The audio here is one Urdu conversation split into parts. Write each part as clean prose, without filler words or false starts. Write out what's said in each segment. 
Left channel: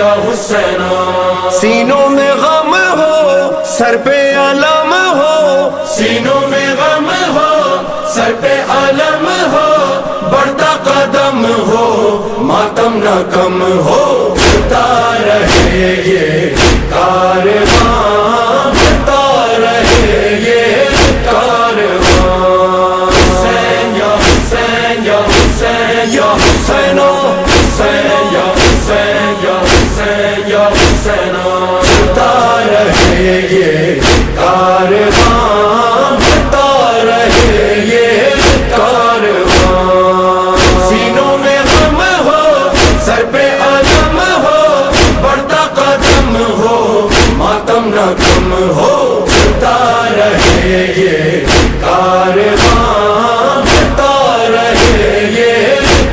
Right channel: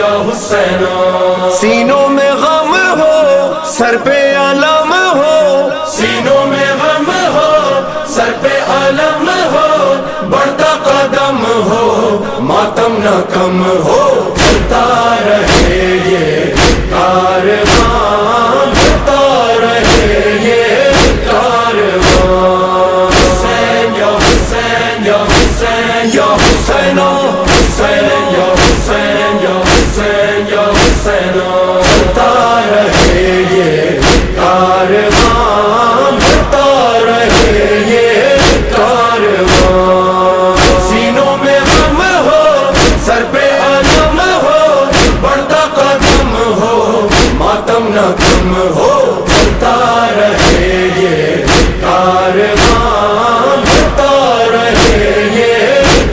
یا حسینہ. سینوں میں غم ہو سر پہ علم ہو، سینوں میں غم ہو سر پہ علم ہو، بڑھتا قدم ہو ماتم نہ کم ہو، چلتا رہے یہ کارواں، چلتا رہے یہ کارواں. حسین یا حسین یا حسین یا حسینو حسین یا حسین یا حسین یا حسین، چلتا رہے یہ کارواں، بڑھتا رہے یہ کارواں. سینوں میں غم ہو سر پہ علم ہو، بڑھتا قدم ہو ماتم نہ کم ہو، چلتا رہے یہ کارواں، بڑھتا رہے یہ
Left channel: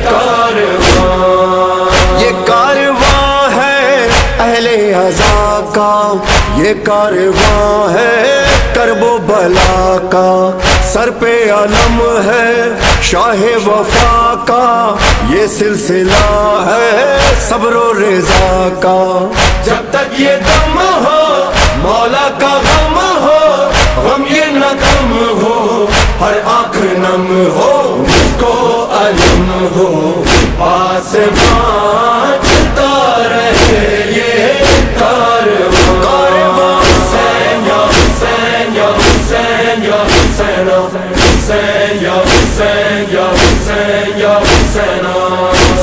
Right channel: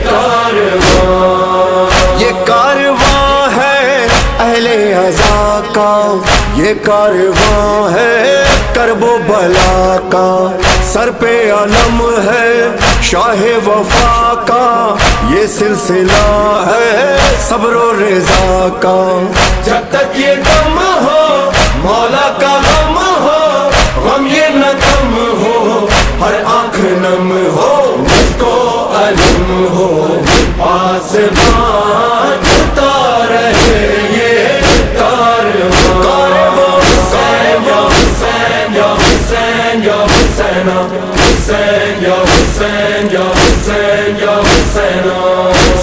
کارواں. یہ کارواں ہے اہل عزا کا، یہ کارواں ہے کرب و بلا کا، سر پہ علم ہے شاہ وفا کا، یہ سلسلہ ہے صبر و رضا کا. جب تک یہ دم ہو مولا کا غم ہو، غم یہ نہ کم ہو، ہر آنکھ نم ہو، مجھ کو علم ہو، آسمان چلتا رہے یہ کارواں. کارواں حسین یا حسین یا حسین یا حسین، حسین یا حسین یا حسین یا حسین.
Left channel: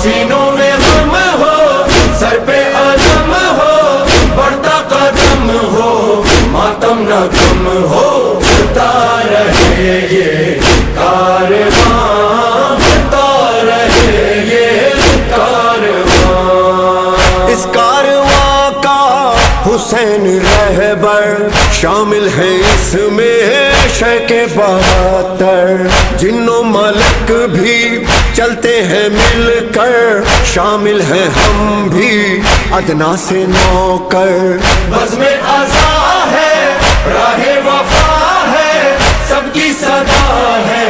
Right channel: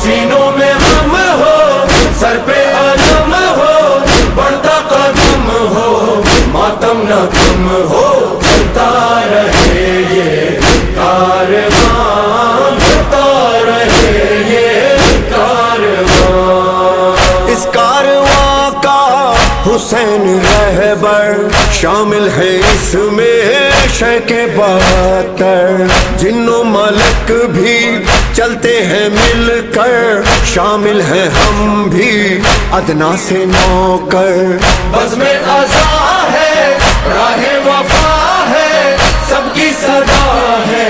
سینوں میں غم ہو سر پہ علم ہو، بڑھتا قدم ہو ماتم نہ کم ہو، چلتا رہے یہ کارواں، بڑھتا رہے یہ کارواں. اس کارواں کا حسین رہبر شامل ہے اس میں شیخ 72، جنوں ملک بھی چلتے ہیں مل کر، شامل ہیں ہم بھی ادنا سے نوکر. بزم عزا ہے راہ وفا ہے، سب کی صدا ہے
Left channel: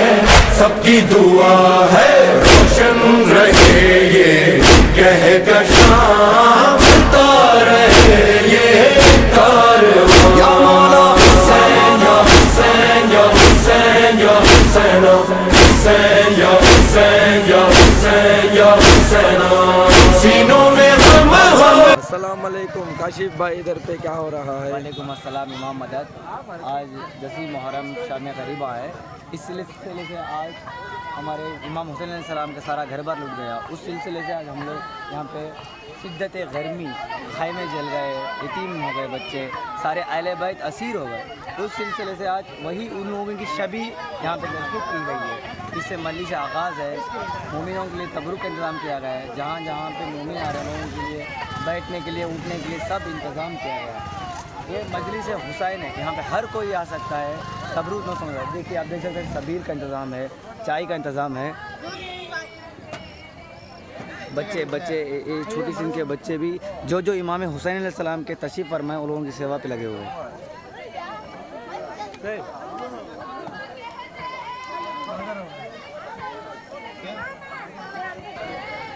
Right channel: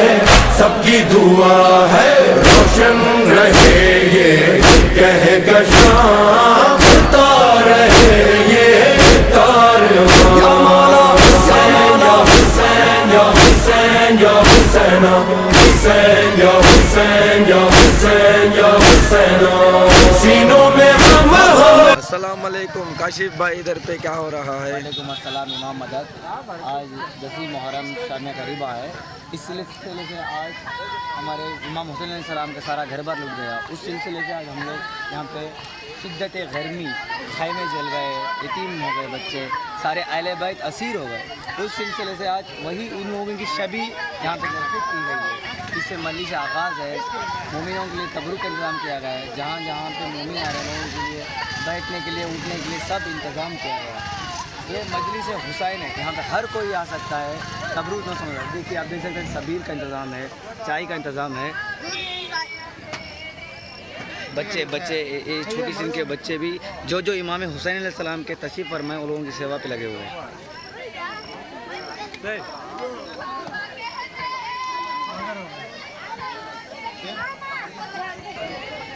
سب کی دعا ہے، روشن رہے یہ کہکشاں، چلتا رہے یہ کارواں. یا مولا حسین یا حسین یا حسین یا حسین، حسین یا حسین یا حسین یا حسین. سینوں میں غم ہو. السلام علیکم کاشف بھائی، ادھر پہ کیا ہو رہا ہے؟ وعلیکم السلام امام مدد. آج 10 محرم شام قریبا ہے، اس سلسلے سے آج ہمارے امام حسین علیہ السلام کا سارا گھر بار لٹ گیا. اس سلسلے سے آج ہم لوگ یہاں پہ شدت گرمی، خیمے جل گئے، یتیم ہو گئے بچے، سارے اہل بیت اسیر ہو گئے. اس سلسلے سے آج وہی ان لوگوں کی شبی یہاں پہ مرتب کی گئی ہے. اس سے ملی سے آغاز ہے. مومنوں کے لیے تبرک کا انتظام کیا گیا ہے، جہاں جہاں پہ مومن آ رہے ہیں لوگوں کے لیے بیٹھنے کے لیے، اٹھنے کے لیے سب انتظام کیا گیا ہے. یہ مجلس حسین ہے، یہاں پہ ہر کوئی آ سکتا ہے. تبرک نہ سمجھ رہا، دیکھیے آپ دیکھ سکتے ہیں سبیر کا انتظام ہے، چائے کا انتظام ہے. بچے چھوٹی سی ان کے بچے بھی جو امام حسین علیہ السلام کے تشریف فرمائے ان لوگوں کی سیوا پہ لگے ہوئے ہیں.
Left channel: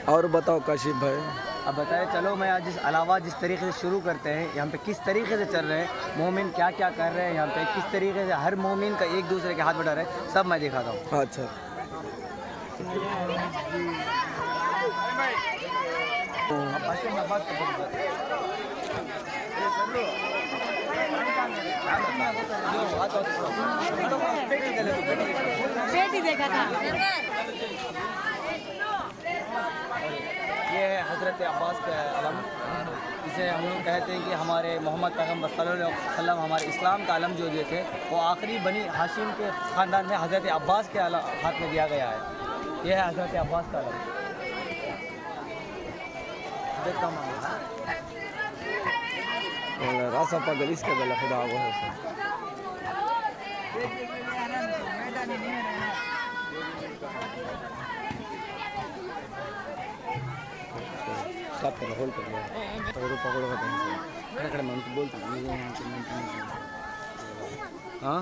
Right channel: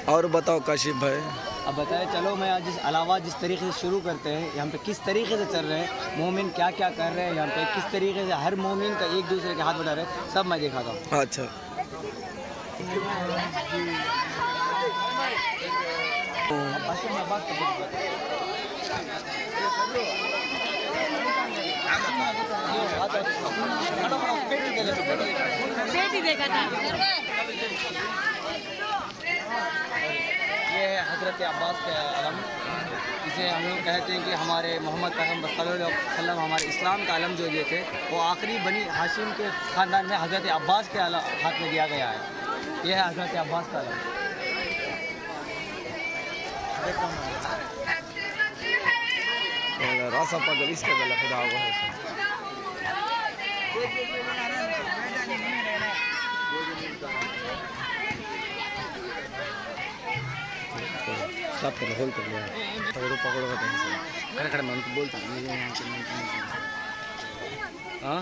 اور بتاؤ کاشف بھائی. اب بتائیں چلو میں آج جس طریقے سے شروع کرتے ہیں، یہاں پہ کس طریقے سے چل رہے ہیں، مومن کیا کیا کر رہے ہیں، یہاں پہ کس طریقے سے ہر مومن کا ایک دوسرے کے ہاتھ بٹا رہے ہیں، سب میں دکھاتا ہوں. اچھا یہ ہے حضرت عباس کا علم. اسے ہم لوگ کہتے ہیں کہ ہمارے محمد پیغمبر صلی اللہ علیہ وسلم ہمارے اسلام کا علم جو دیے تھے وہ آخری بنی ہاشم کے خاندان میں حضرت عباس کے ہاتھ میں دیا گیا ہے. یہ ہے حضرت عباس کا علم. راسا پاگل اس کا دل خدا وہ ہے. اسٹاپ کرو، ہولڈ کر لو، پکڑو کا ٹائم سے کھڑے کھڑے میں ان کو بولتا ہوں یہ یہاں سے ہاں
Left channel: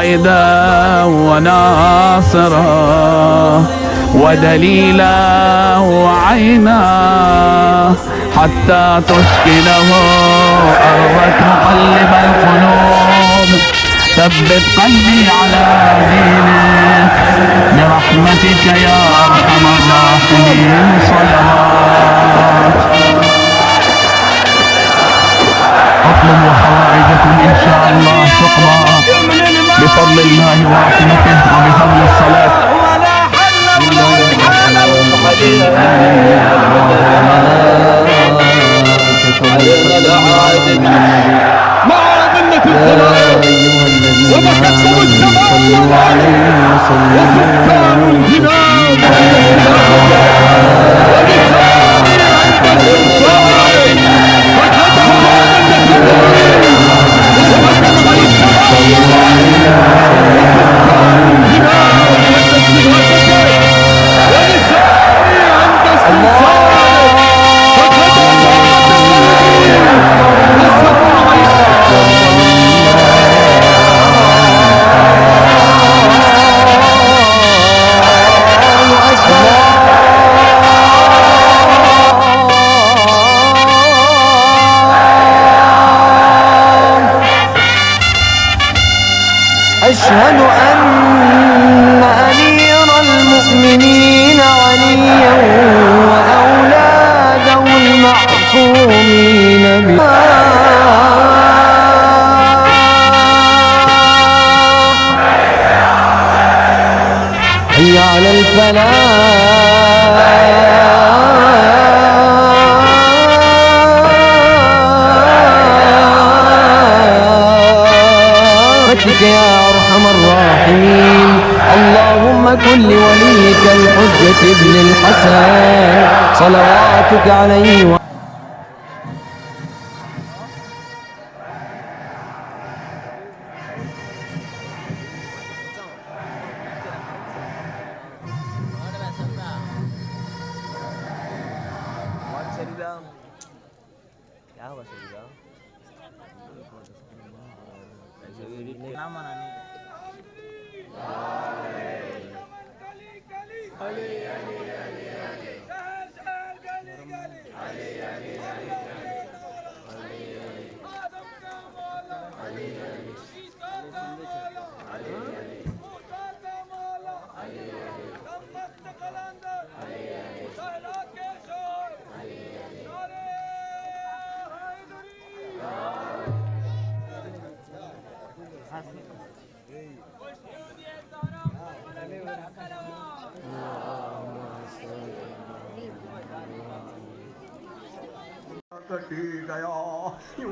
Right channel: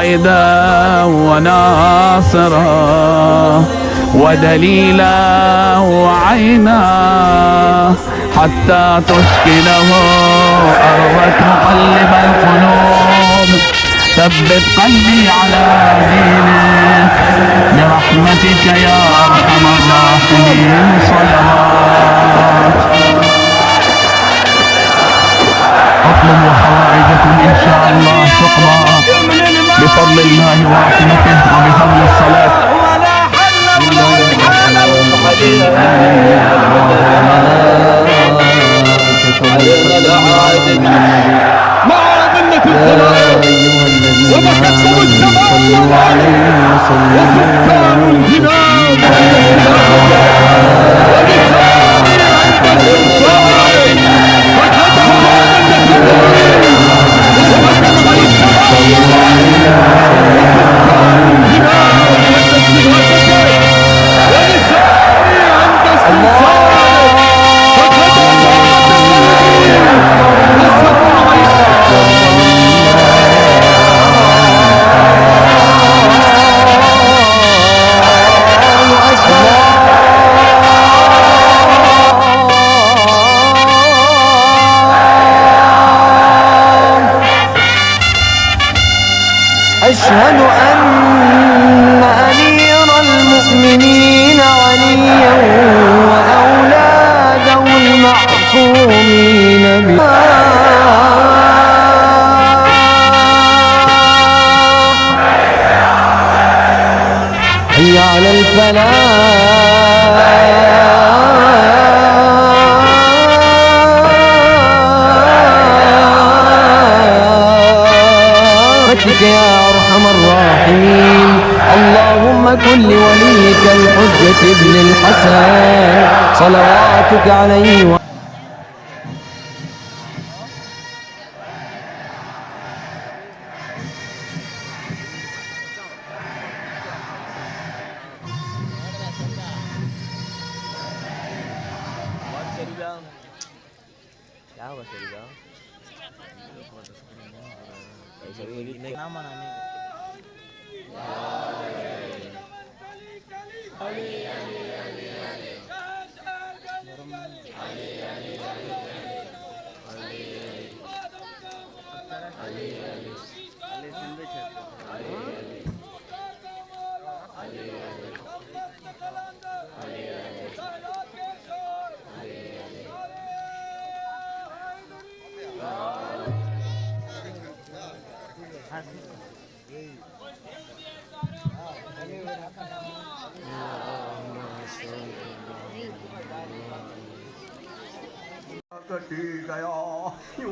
قائدا وناصرا ودليلا وعينا حتى تسكنه أرضك مقلب القلوب ثبت قلبي على دينك برحمتك يا أرحم الراحمين. صلوات. اطلبوا حوائجكم إن شاء الله تقضى بفضل الله ورحمته وبفضل الصلاة. مع ظنة الخلائق وبكتم السماوات وسكان الجنان ولساني عند الإنصاف فكتم وأشهد أن أمير المؤمنين عليا وأولاده المعصومين حي على برحمتك يا أرحم الراحمين. اللهم كن لوليك الحجة ابن الحسن صلواتك عليه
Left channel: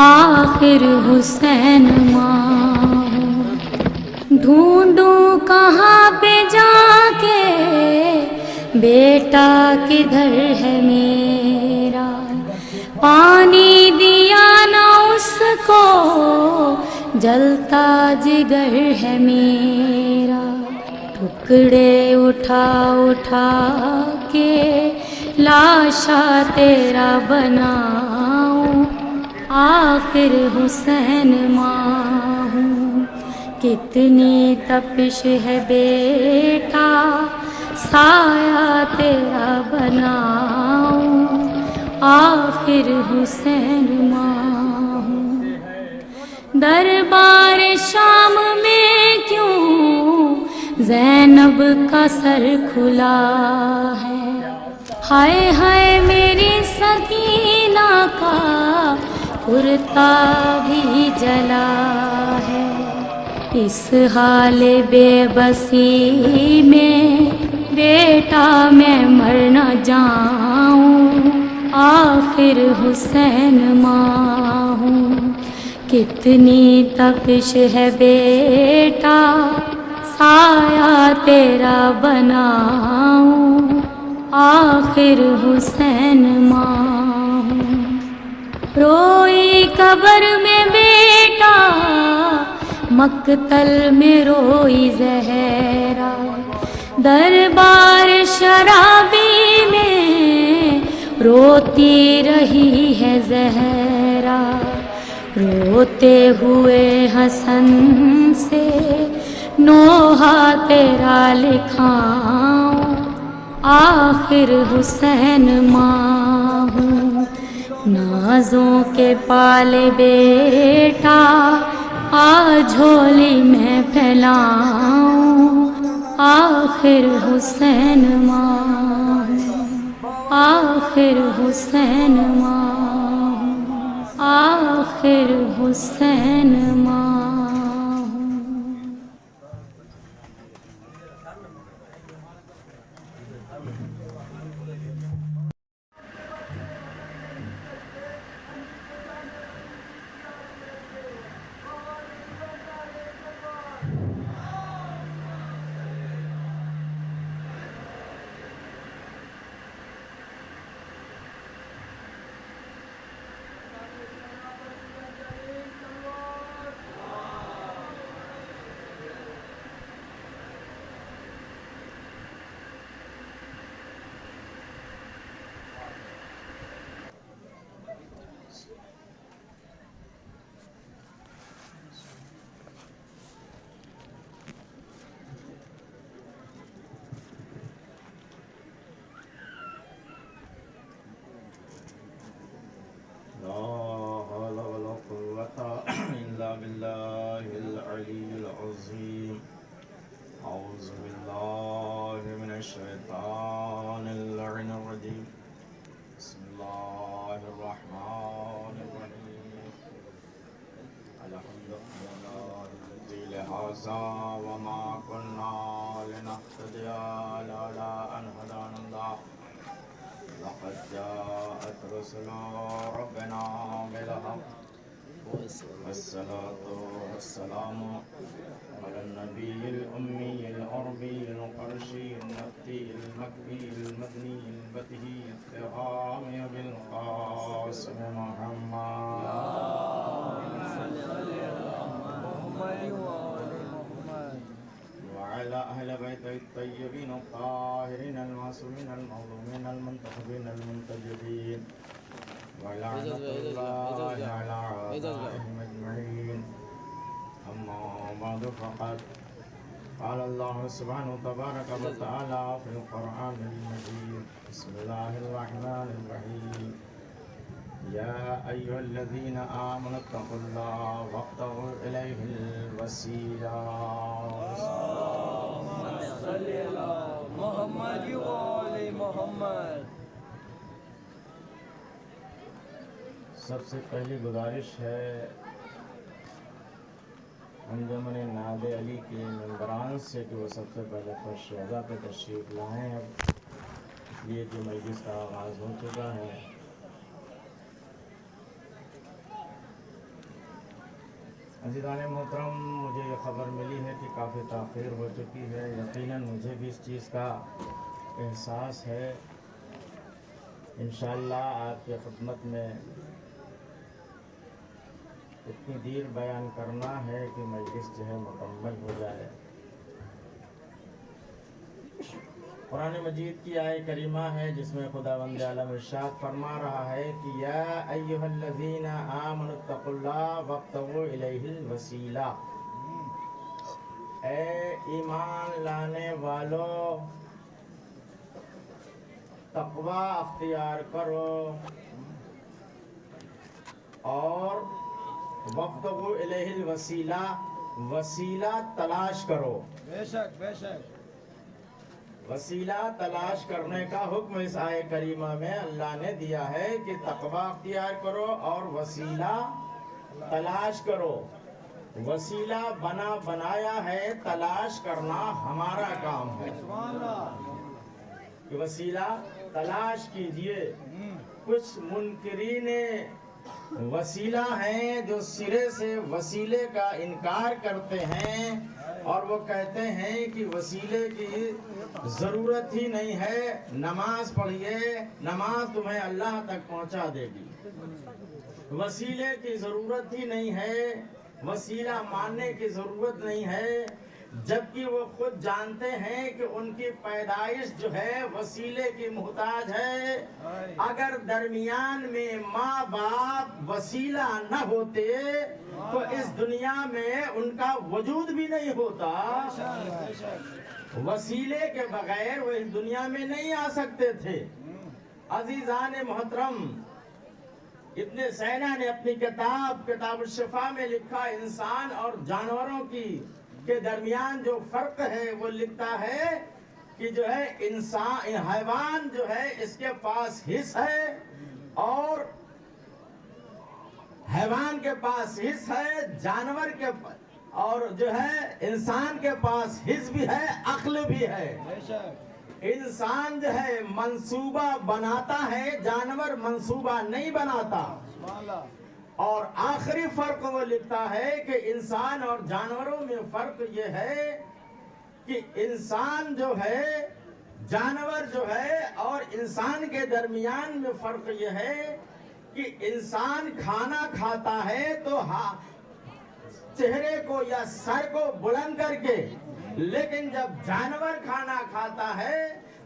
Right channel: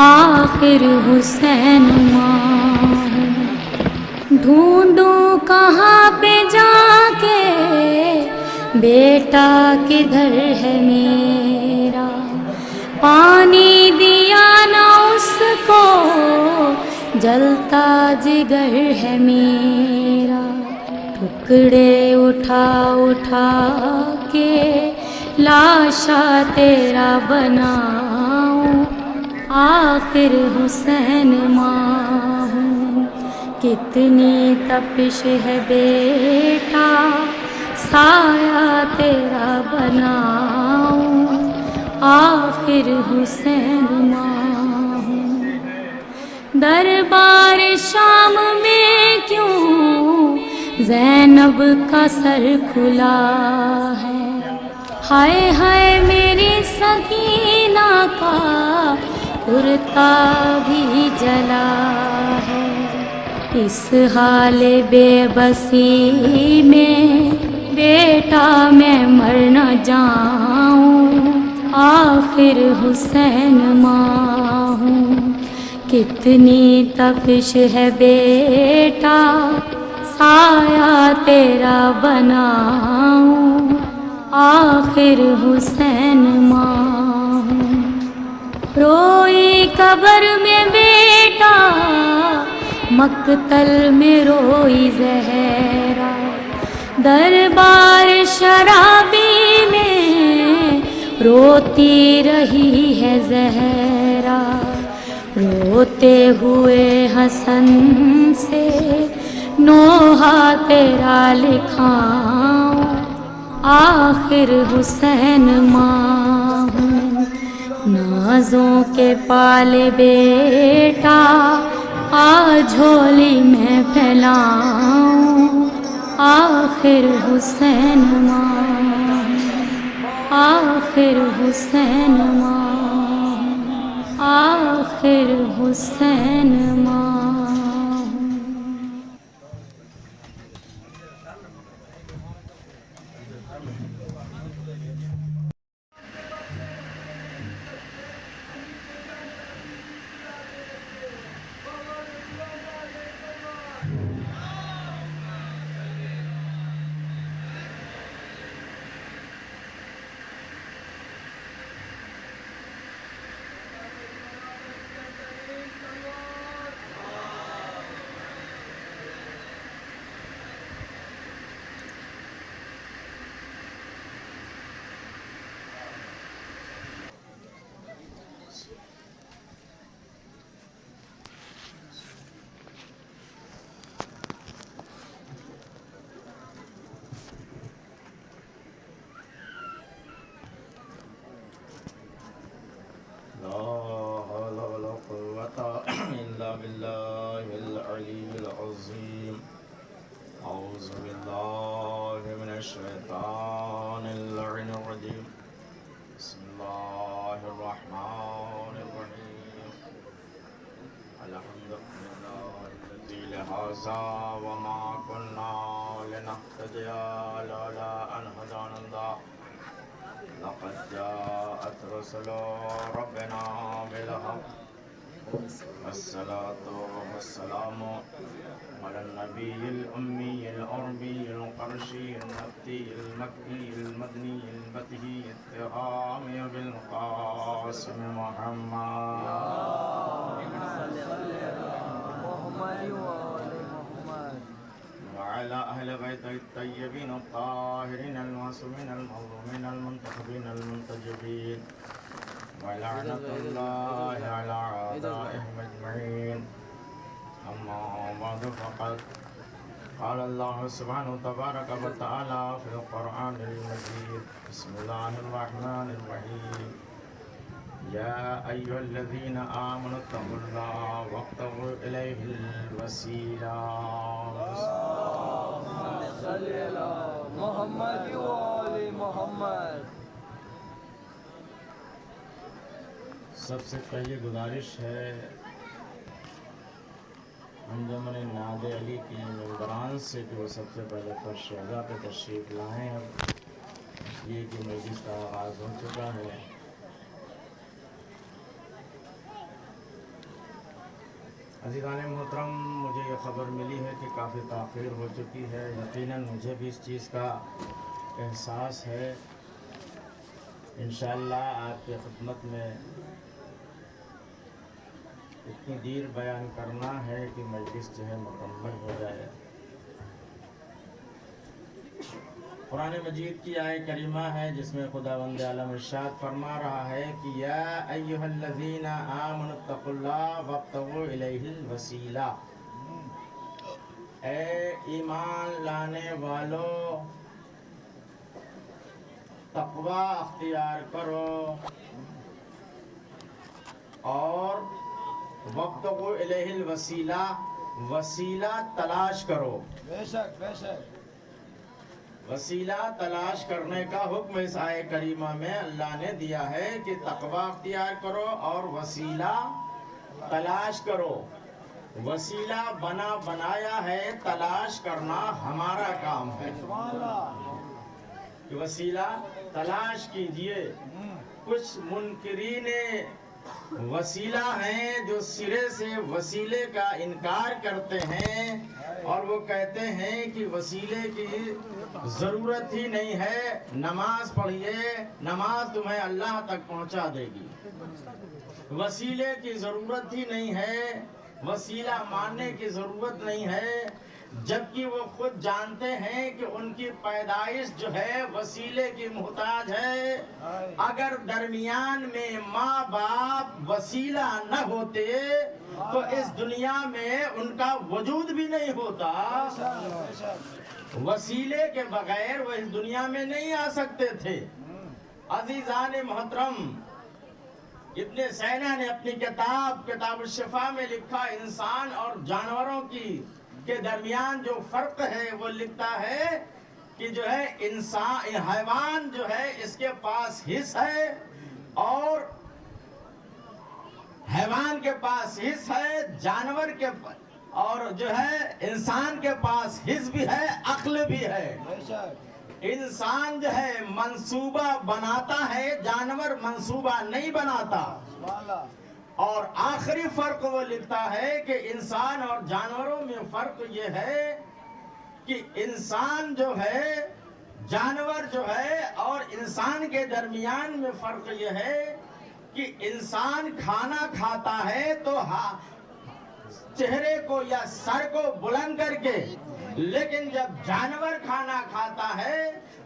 آخر حسین ماں ہوں۔ ڈھونڈوں کہاں پہ جا کے بیٹا کدھر ہے میرا، پانی دیا نہ اس کو جلتا جگر ہے میرا، ٹکڑے اٹھا اٹھا کے لاشا تیرا بناؤں، آخر حسین ماں ہوں۔ کتنی تپش ہے بیٹا سایہ تیرا بناؤں، آخر حسین ماں ہوں۔ دربار شام میں کیوں زینب کا سر کھلا ہے، ہائے ہائے میری سکینہ کا کرتا بھی جلا ہے، اس حال بے بسی میں بیٹا میں مر نہ جاؤں، آخر حسین ماں ہوں۔ کتنی تپش ہے بیٹا سایہ تیرا بناؤں، آخر حسین ماں ہوں۔ روئی قبر میں بیٹا مقتل میں روئی زہرا، دربار شرابی میں روتی رہی ہے زہرا، روتے ہوئے حسن سے نوحہ تیرا لکھاؤں، آخر حسین ماں ہوں۔ نازوں کے پالے بیٹا آ جھولی میں پھیلاؤں، آخر حسین ماں ہوں، آخر حسین ماں ہوں، آخر حسین ماں ہوں۔ وما كنا لنهتدي لولا أن هدانا الله لقد جاءت رسل ربنا بالحق والصلاة والسلام على النبي الأمي العربي القرشي المكي المدني البتهي التهامي بالقاسم محمد وعلى أهل بيت الطيبين الطاهرين المعصومين المظلومين المنتخبين المنتجبين ولعنة الله على أعدائهم أجمعين. أما بعد فقد قال الله سبحانه تبارك وتعالى في القرآن المجيد. بسم الله الرحمن الرحيم. يا أيها الذين آمنوا اتقوا الله وابتغوا إليه الوسيلة. صل على محمد وآل محمد. سب سے پہلی گزارش ہے انجمن ناد علی کے ممبران سے کہ وہ سب سے پہلے فرش شہزا پہ تشریف لائیں، اس لیے کہ مجلس کا آغاز ہو چکا ہے۔ عزیزان محترم، مجھے یہ خبر ملی ہے کہ کافی تاخیر ہو چکی ہے. یقیناً مجھے بھی اس چیز کا احساس ہے. انشاءاللہ آپ کی خدمت میں اتنی دیر بیان کرنا ہے کہ مجلس جو ہے مکمل ہو جائے. قرآن مجید کی آیت کریمہ ہے جس میں خداوند عالم ارشاد فرما رہا ہے کہ یا ایھا الذین آمنوا اتقوا اللہ وابتغوا الیہ الوسیلہ. اے ایمان لانے والو، تقوی اختیار کرو اور وابتغوا الیہ الوسیلہ، وسیلہ تلاش کرو. بے شک بے شک. وسیلہ تلاش کرنے کا حکم اس آیت کریمہ میں اللہ نے دیا ہے کہ تقوی اختیار کرو اور وسیلہ تلاش کرو. وسیلہ بنایا ہے، تلاش کرنا ہمارا کام ہے. وسیلہ تلاش کیجئے. کچھ منکرین وسیلہ ہیں جو سرے سے وسیلے کا انکار کرتے ہیں اور وہ کہتے ہیں کہ وسیلے کی ضرورت ہی نہیں ہے. نماز پڑھیے، نماز تمہیں اللہ تک پہنچا دے گی. وسیلے کی ضرورت ہی نہیں ہے، وسیلہ ماننے کی ضرورت نہیں ہے، جبکہ وہ خود جانتے ہیں کہ ان کی پیدائش جو ہے وسیلے کی محتاج ہے. اگر درمیان میں ماں باپ وسیلہ نہ ہوتے تو اس دنیا میں ان کا وجود بھی نہیں ہوتا. وسیلے کے بغیر وہ اس دنیا میں نہیں آ سکتے تھے. عزیزان محترم، ابن سینا نے اپنی کتاب الشفا میں لکھا انسان اور جانوروں کے درمیان جو فرق ہے وہ لکھتا ہے کہ جو ہے انسان حیوان جو ہے اس کے پاس حس ہے اور حیوان کے پاس حس ہے، جانور کے اور جو ہے انسان کے پاس حس بھی ہے، عقل بھی ہے. انسان جو ہے منصوبہ بناتا ہے، جانور منصوبہ نہیں بناتا. اور آخری فرق وہ لکھتا ہے کہ انسان اور جانوروں میں فرق یہ ہے کہ انسان جو ہے، جانور جو ہے اور انسان کے درمیان میں فرق یہ ہے کہ انسان کھانا کھاتا ہے تو چہرے کو یا سر کو بلند کر کے، لیکن جب جانور کھانا کھاتا ہے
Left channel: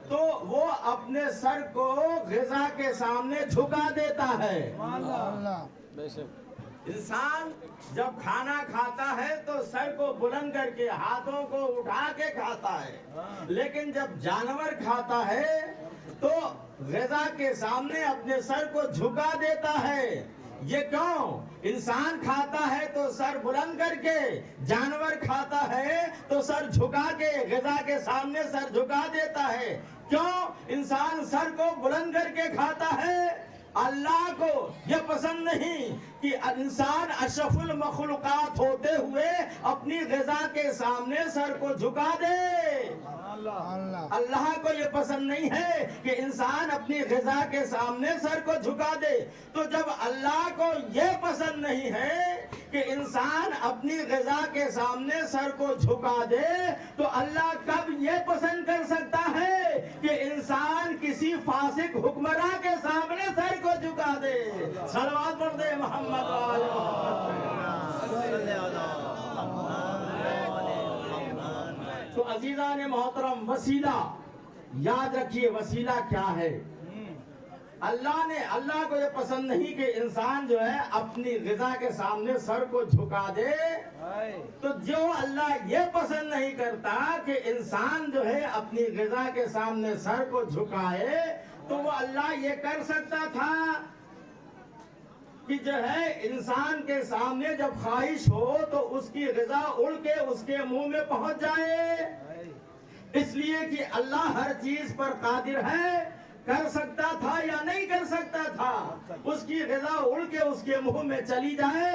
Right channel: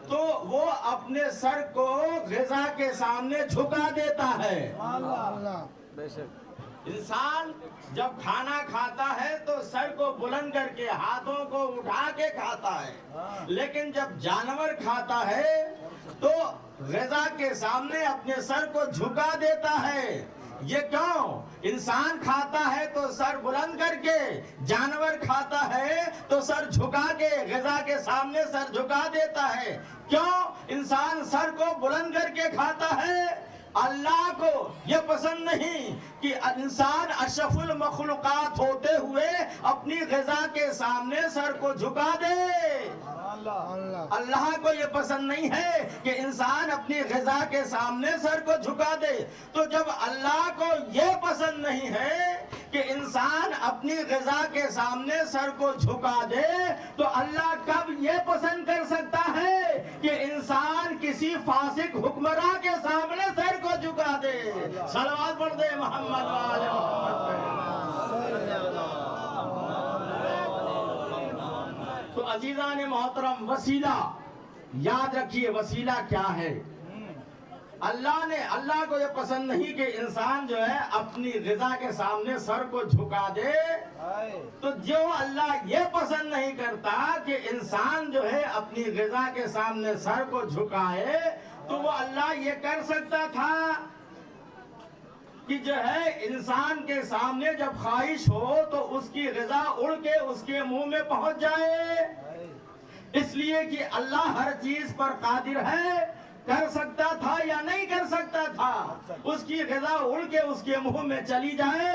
تو وہ اپنے سر کو غذا کے سامنے جھکا دیتا ہے. انسان جب کھانا کھاتا ہے تو سر کو بلند کر کے ہاتھوں کو اٹھا کے کھاتا ہے، لیکن جب جانور کھاتا ہے تو غذا کے سامنے اپنے سر کو جھکا دیتا ہے. یہ کیوں؟ انسان کھاتا ہے تو سر بلند کر کے، جانور کھاتا ہے تو سر جھکا کے، غذا کے سامنے سر جھکا دیتا ہے. کیوں انسان سر کو بلند کر کے کھاتا ہے؟ اللہ کو یہ پسند نہیں کہ انسان اشرف المخلوقات ہوتے ہوئے اپنی غذا کے سامنے سر کو جھکا دے. اللہ کو یہ پسند نہیں ہے کہ انسان اپنی غذا کے سامنے سر کو جھکا دے. تو جب اللہ کو یہ پسند نہیں ہے کہ انسان اپنی غذا کے سامنے سر کو جھکا دے تو اللہ کب یہ پسند کر سکتا ہے کہ انسان کسی فاسق حکمراں کے سامنے سر کو جھکا دے؟ صلوات پڑھ دے محمد وآل محمد. تو عزیزان محترم، وسیلہ یاد رکھیے، وسیلہ کیا ہے؟ اللہ کو یہ پسند نہیں کہ انسان جو ہے اپنی غذا کے سامنے سر کو جھکا دے. تو جو اللہ یہ پسند نہیں کرتا کہ انسان جو ہے اپنی غذا کے سامنے سر کو جھکائے، تو وہ اللہ یہ کر سکتا تھا کہ جو ہے انسان کے سامنے جب خواہش ہو تو اس کی غذا اڑ کے اس کے منہ میں پہنچ جائے. اس لیے کہ اللہ ہر چیز پر قادر ہے. کر سکتا تھا یا نہیں کر سکتا تھا؟ اس کی غذا اڑ کے اس کے منہ میں چلی جائے،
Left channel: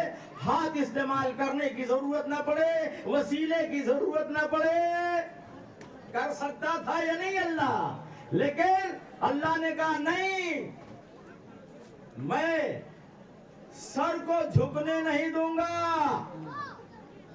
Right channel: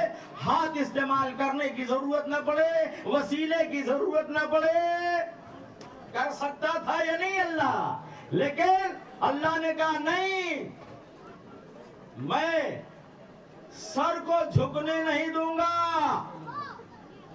ہاتھ استعمال کرنے کی ضرورت نہ پڑے، وسیلے کی ضرورت نہ پڑے. کر سکتا تھا یا نہیں اللہ؟ لیکن اللہ نے کہا نہیں، میں سر کو جھکنے نہیں دوں گا.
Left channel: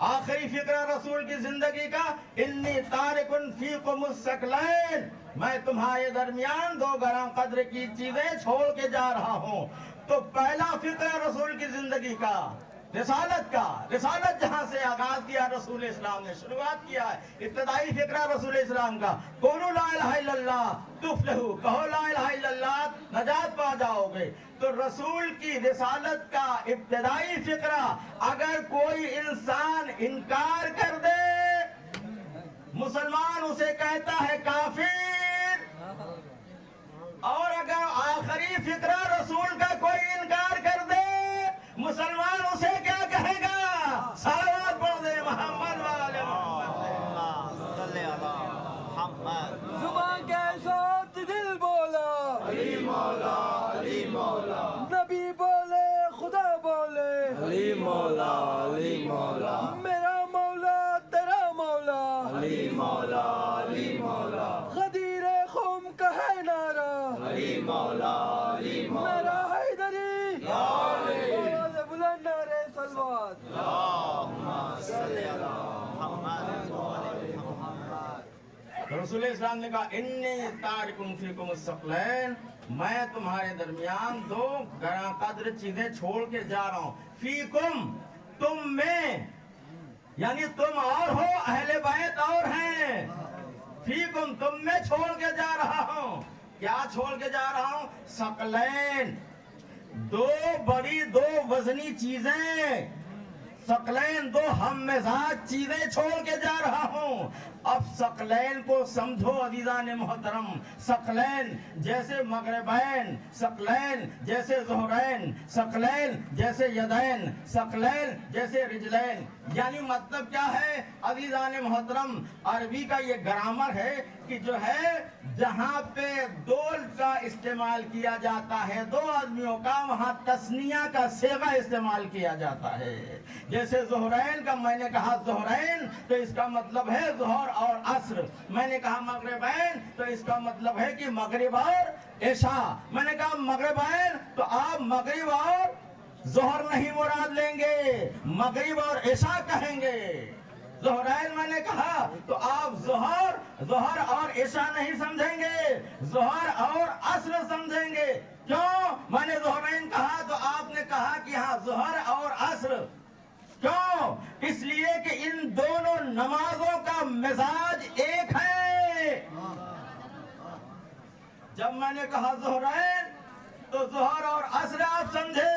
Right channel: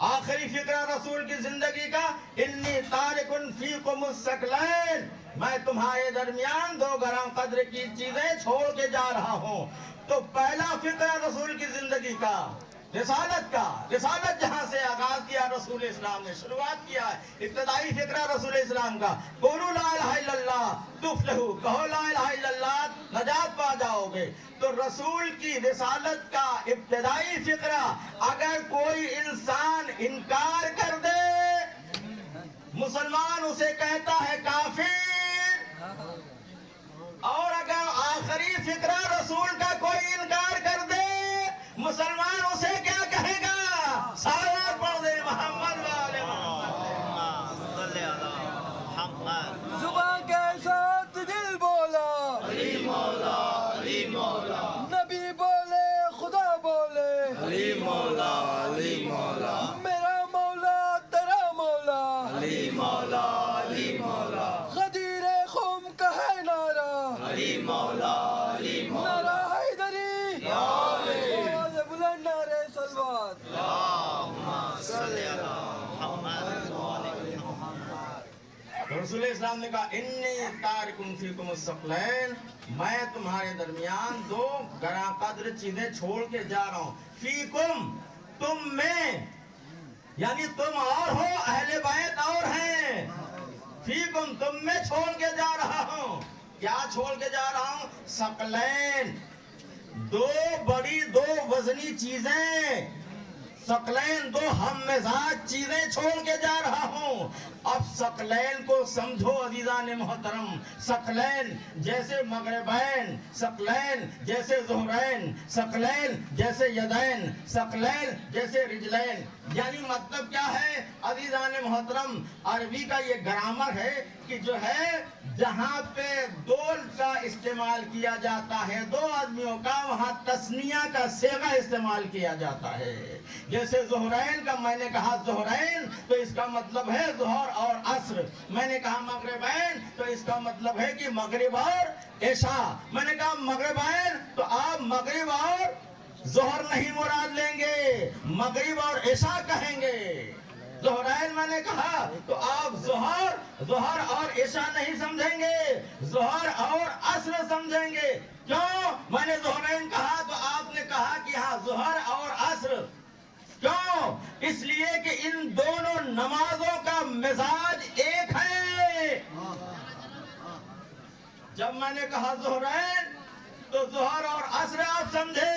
آخری فقرہ رسول کی زندگی کا، انی تارکن فیکم الثقلین، میں تمہارے درمیان دو گرم قدر کی چیزیں چھوڑ کے جا رہا ہوں۔ تو پہلا فقرہ رسول کی زندگی کا، رسالت کا، رسالت جہاں سے آغاز کیا رسول اسلام نے، شروعات کیا ہے، ابتدائی فقرہ رسول اسلام کا، قولوا لا الہ الا اللہ تفلحوا، کہو لا الہ الا اللہ نجات پا جاؤ گے۔ تو رسول کی رسالت کا ابتدائی فقرہ اگر کوئی انسان انکار کر دے، مسلمان اسے کہتا ہے کافر، اور اگر آخری فقرہ رسول کا کوئی انکار کر دے، مسلمان اسے کیا کہے گا؟ صلوات پڑھ دے محمد والے محمد صلی اللہ۔ زبان کے ساتھ دل بولا علی مولا علی مولا، نبی بولے خدا بولے علی مولا علی مولا، میرا مولا تیرا مولا علی مولا علی مولا، غدیر خم کا ہے نعرہ علی مولا علی مولا، نعرہ حیدری آواز بلند نعرہ صلوات۔ رسول اسلام نے کہا انی تارکن فیکم الثقلین، میں تمہارے درمیان دو گراں قدر چیزیں چھوڑ کے جا رہا ہوں۔ فیکم، تم میں، یعنی تم اور ہو، اہل بیت اور ہیں، فیکم تم میں چھوڑ کے جا رہا ہوں۔ کیا چھوڑ کے جا رہا ہوں؟ ثقلین، دو بڑی دو وزنی چیزیں، ثقلین دو ہم مزاج چیزیں چھوڑ کے جا رہا ہوں۔ اب ثقلین کو سمجھو عزیزان محترم، ثقلین جیسے مغربین، ثقلین جیسے ظہرین، ثقلین جیسے یدین، ثقلین جیسے رجلین، یعنی مطلب کیا ہے عزیزان محترم؟ عربی کا یہ گرامر ہے کہ جو ہے جہاں پہ دول کا استعمال کیا جاتا ہے، دو آدمیوں کا، وہاں تثنیہ کا صیغہ استعمال کیا جاتا ہے۔ جیسے ظہرین کا میں نے کہا ظہرین تو اس کا مطلب ہے ظہر اور عصر، میں نے کہا مغربین تو اس کا مطلب ہے کہ مغرب اور عشاء، میں نے کہا مغربین تو آپ مغرب اور ظہر نہیں مراد لیں گے، مغرب اور عشاء کہیں گے۔ ظہرین میں نے کہا تو آپ ظہر اور عشاء نہیں سمجھیں گے، ظہر اور عصر سمجھیں گے۔ کیوں میں نے ظہرین کہا تو آپ نے کہا کہ ہاں ظہر اور عصر؟ کیوں؟ اس لیے کہ ان دونوں نمازوں کا مزاج ایک ہے۔ جب میں نے کہا ظہرین تو ظہر اور عصر آپ سمجھے،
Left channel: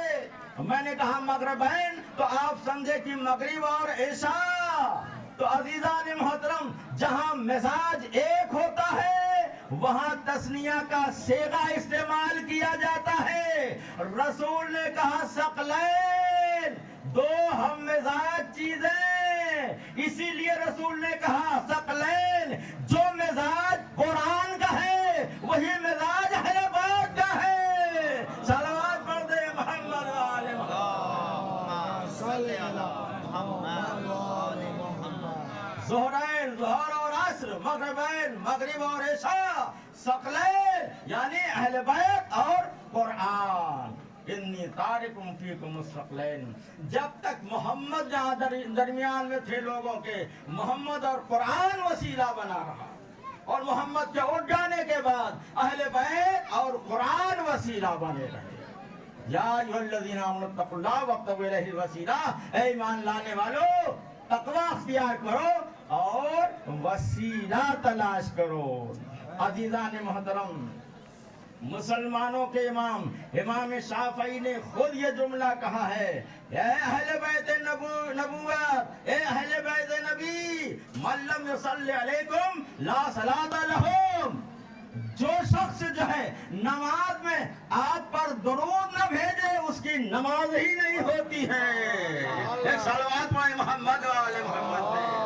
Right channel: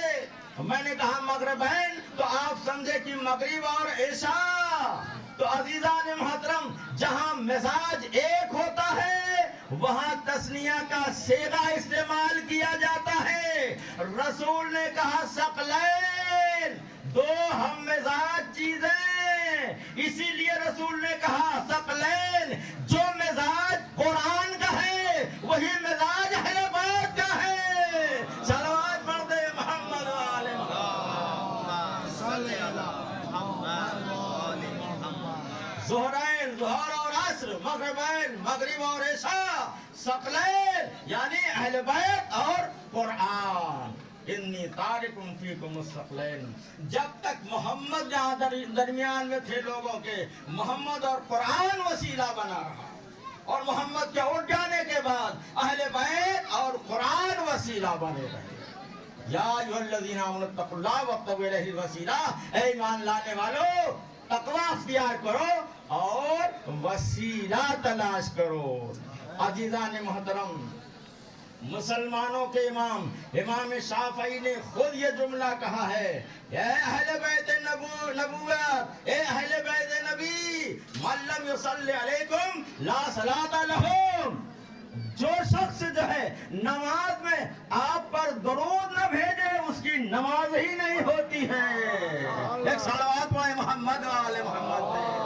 میں نے کہا مغربین تو آپ سمجھے کہ مغرب اور عشاء۔ تو عزیزان محترم، جہاں مزاج ایک ہوتا ہے وہاں تثنیہ کا صیغہ استعمال کیا جاتا ہے۔ رسول نے کہا ثقلین، دو ہم مزاج چیزیں، اسی لیے رسول نے کہا ثقلین، جو مزاج قرآن کا ہے وہی مزاج اہل بیت کا ہے۔ صلوات پڑھ دے محمد والے محمد صلی اللہ۔ ظہرین ظہر اور عصر، مغربین مغرب اور عشاء، ثقلین یعنی اہل بیت اور قرآن۔ انی تارکم فیکم الثقلین، جب تک محمد یہاں درمیان میں تھے لوگوں کے، محمد اور قرآن وسیلہ بنا رہا، اور محمد کے اٹھ جانے کے بعد اہل بیت اور قرآن وسیلہ بنے رہے۔ یا ایھا الذین آمنوا اتقوا اللہ وابتغوا الیہ الوسیلہ، اے ایمان لانے والو تقوی اختیار کرو اور وسیلہ تلاش کرو۔ عزیزان محترم، مسلمانوں کے امام شافعی نے خود یہ جملہ کہا ہے، اے اہل بیت نبوت، اے اہل بیت نبی، من لم یصلی علیکم لا صلاۃ لہم، جو شخص جو ہے نماز میں آپ پر درود نہ بھیجے اس کی نماز ہی نہیں ہوتی ہے۔ ایک صلوات پڑھیں محمد والے محمد پہ۔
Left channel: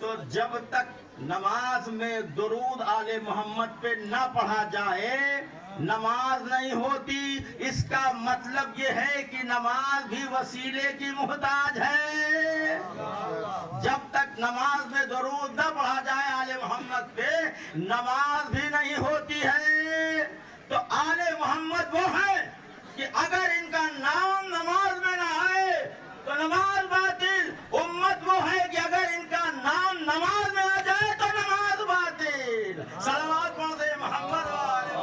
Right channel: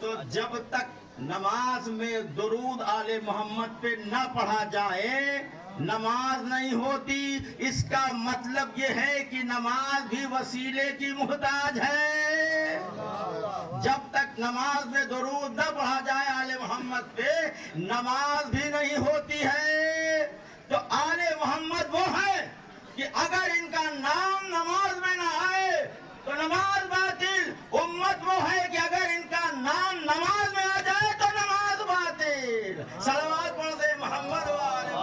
تو جب تک نماز میں درود آل محمد پہ نہ پڑھا جائے نماز نہیں ہوتی۔ اس کا مطلب یہ ہے کہ نماز بھی وسیلے کی محتاج ہے۔ جب تک نماز میں درود نہ پڑھا جائے آل محمد پہ نماز بھی نہیں ہوتی ہے۔ تو آل محمد وہ ہے کہ اگر ان کا نام نماز میں نہ آئے تو نماز باطل. امت وہ ہے کہ اگر ان کا نام نماز میں آ جائے تو نماز باطل. صلوات پڑھ دے محمد والے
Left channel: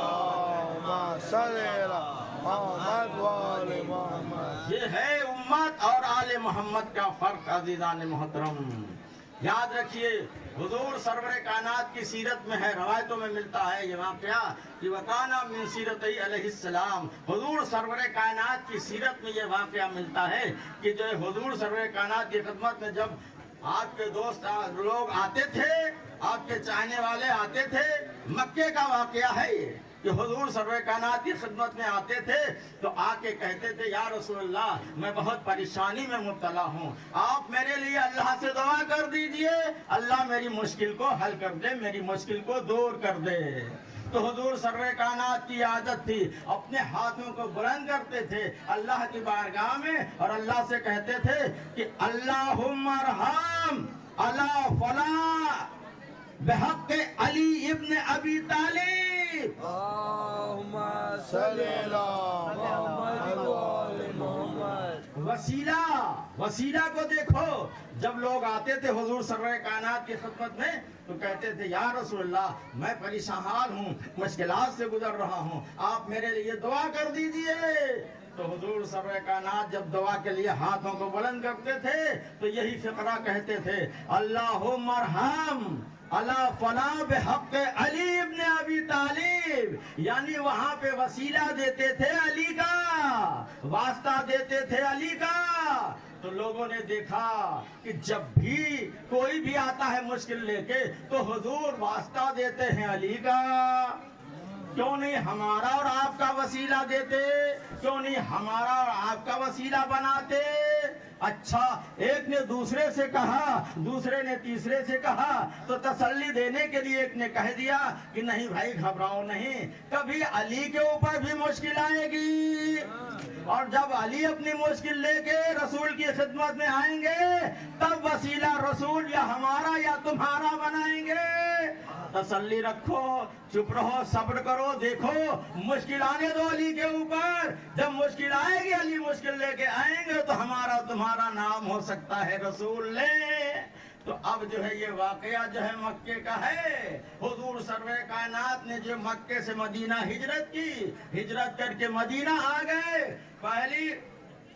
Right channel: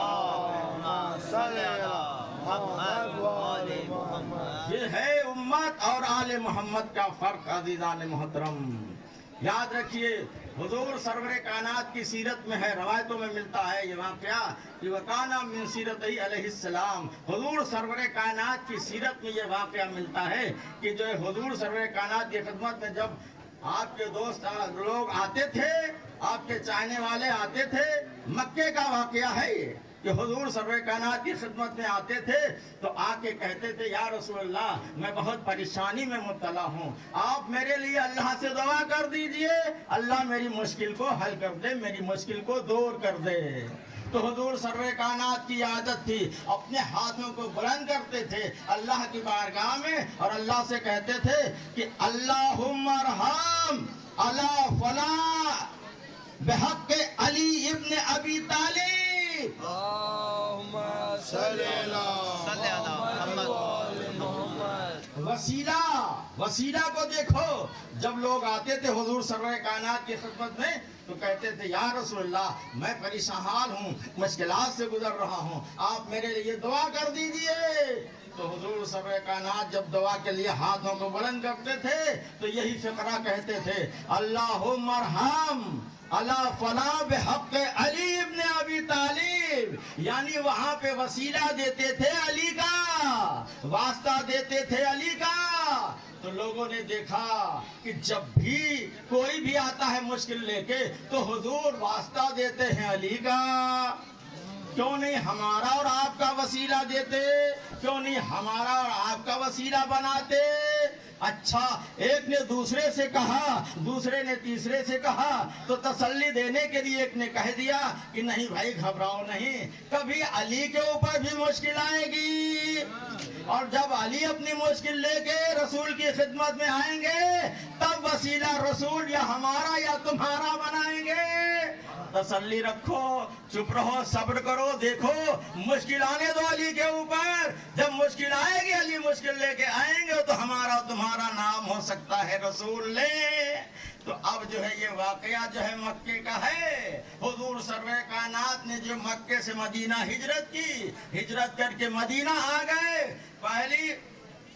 محمد. یہ ہے امت اور آل محمد کا فرق عزیزان محترم. یاد رکھیے حضور سرور کائنات کی سیرت میں ہے, روایتوں میں ملتا ہے یہ واقعہ کہ وکانا من سیرتہ علیہ السلام. حضور سرور کائنات کی سیرت میں یہ واقعہ ملتا ہے کہ جو حضور سرور کائنات کی خدمت میں جب آپ کے دوست لوگ آتے تھے, آپ کے چاہنے والے آتے تھے, مکے کا واقعہ ہے یہ کہ حضور سرور کائنات کی خدمت میں آتے تھے تو آ کے کہتے تھے یا رسول اللہ میں بہت پریشانی میں مبتلا ہوں, آپ میرے لیے اللہ سے دعا کر دیجئے, اللہ میری مشکل کو حل کر دے, میری مشکل کو دور کر دے. تو حضور سرور کائنات کی عادت تھی, اپنے ہاتھوں کو بلند کرتے تھے اللہ کی بارگاہ میں اور اللہ سے کہتے تھے کہ اللہم ارحم علی فلاں بحق علی ابن ابی طالب. اللہم صلی علی محمد. وسیلہ کو دیکھو, جب لوگ آتے تھے حضور سرور کائنات کی خدمت میں تو کہتے تھے یا رسول اللہ میں پریشان حال ہوں, مشکلات سے گزر رہا ہوں, آپ میرے لیے دعا کر دیجئے. تو حضور سرور کائنات جب دعا کے لیے ہاتھوں کو بلند کرتے تھے تو یہی فقرہ کہتے تھے اللہم ارحم علی فلاں بحق علی ابن ابی طالب. یعنی وہاں پہ وسیلہ دیتے تھے علی کا, واسطہ دیتے تھے علی کا. تو لوگوں نے دیکھا کہ جب بھی کوئی بھی آتا ہے مشکل لے کے تو حضور واسطہ دیتے ہیں علی کا. کیوں نہیں ہمارا اور آپ کا وسیلہ دیتے, کیوں نہیں ہمارا اور آپ کا وسیلہ بناتے. اچھا ایک نے دوسرے سے کہا, دوسرے نے تیسرے سے کہا, تو تسلی دینے کے لیے ایک نے کہہ دیا کہ نہیں بھائی گھبراؤ نہیں, کبھی علی کے اوپر بھی مشکل آئے گی اور جب علی اپنی مشکل لے کے رسول کی خدمت میں آئیں گے تب وسیلہ رسول یا ہمارا یا تمہارا بنائیں گے. تسلی رکھو, چپ رہو, صبر کرو, دیکھو مشکل آنے دو علی کے اوپر. جب مشکل آئے گی علی مشکل لے کے آئیں گے تو ہمارا تمہارا نام ہو سکتا ہے رسول لے. تو اب جو ہے یہ واقعہ جو ہے مکے کا ہے. حضور سرور کائنات نے جو مکے سے مدینہ ہجرت کی, ہجرت کر کے مدینہ آ گئے. پہلی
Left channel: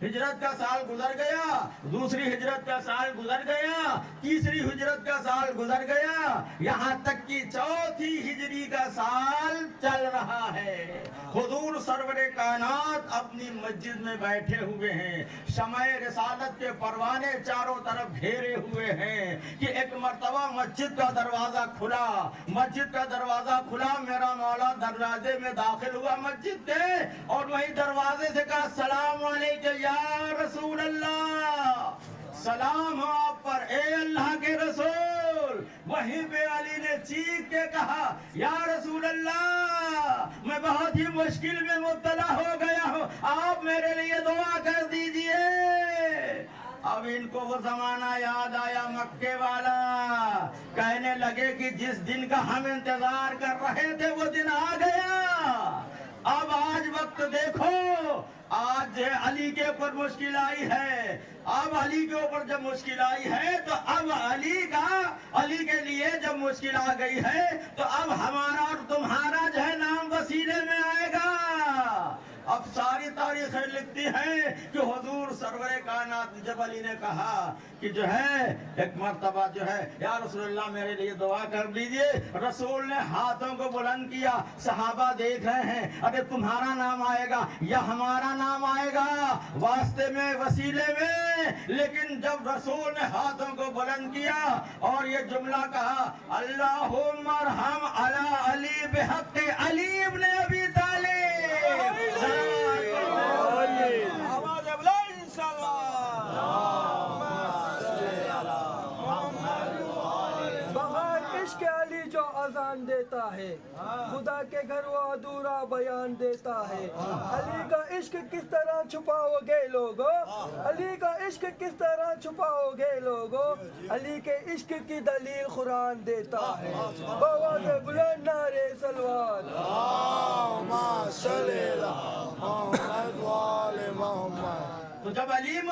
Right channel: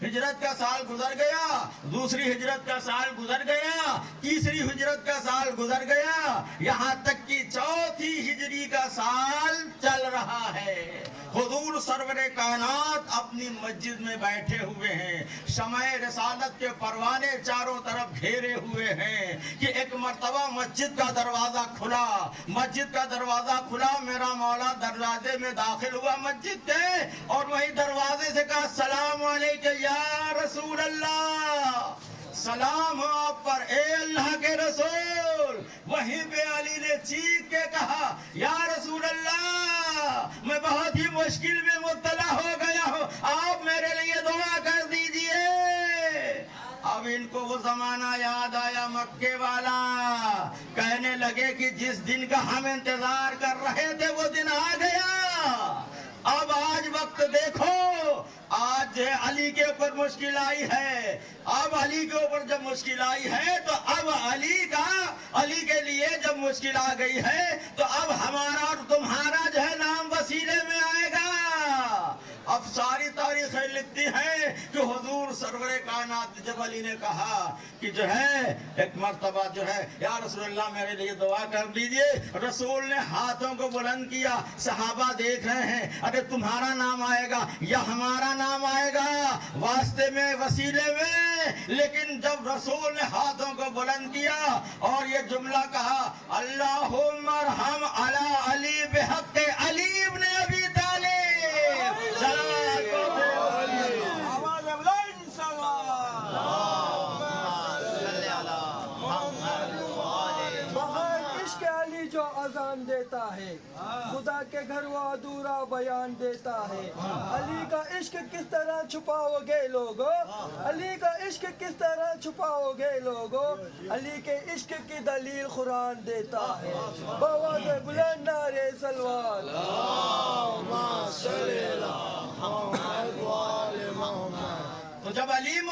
ہجرت کا سال گزر گیا, دوسری ہجرت کا سال گزر گیا, تیسری ہجرت کا سال گزر گیا, یہاں تک کہ چوتھی ہجری کا سال چل رہا ہے. حضور سرور کائنات اپنی مسجد میں بیٹھے ہوئے ہیں, شمع رسالت کے پروانے چاروں طرف گھیرے ہوئے ہیں کہ ایک مرتبہ مسجد کا دروازہ کھلا, مسجد کا دروازہ کھلا, میرا مولا دروازے میں داخل ہوا مسجد کے اور وہی دروازے سے کہا السلام علیکم یا رسول اللہ, سلام ہو آپ پر اے اللہ کے رسول. وہیں پہ علی نے چیخ کے کہا یا رسول اللہ میں بہت ہی مشکل میں مبتلا ہو گیا ہوں, آپ میرے لیے دعا کر دیجئے. اب ان کو وہ زمانہ یاد آیا مکے والا, کہنے لگے کہ جس دن کا ہم انتظار کر رہے تھے وہ دن آ گیا. اب آج وقت دیکھو, آج علی کے اوپر مشکل آئی ہے. اب علی کے اوپر جب مشکل آئی ہے تو اب علی کے لیے جب مشکل آ گئی ہے تو اب ہمارا اور تمہارا جو ہے نام وسیلے میں آئے گا. اب ساری تاریخیں لکھتی ہیں کہ حضور سرور کائنات جب علی نے کہا کہ جو ہے ایک مرتبہ جو ہے یا رسول اللہ میرے لیے دعا کر دیجئے, رسول نے ہاتھوں کو بلند کیا, صحابہ دیکھ رہے ہیں اگر تمہارا نام آئے گا یا ہمارا نام آئے گا واسطے میں وسیلے میں. لیکن جب رسول نے ہاتھوں کو بلند کیا اور یہ جملہ کہا اللہم ارحم علی علی بحق علی ابن ابی طالب, عشق علی جو اذان دیتا ہے, خدا کے گھر وہ ادھورا بیان دیتا ہے. علی کا عشق کس طرح چھپاؤ گے لوگو, علی کا عشق کس طرح چھپاؤ گے لوگو, علی کے عشق کی دلیل قرآن دیتا ہے. بآواز بلند نعرے صلوات.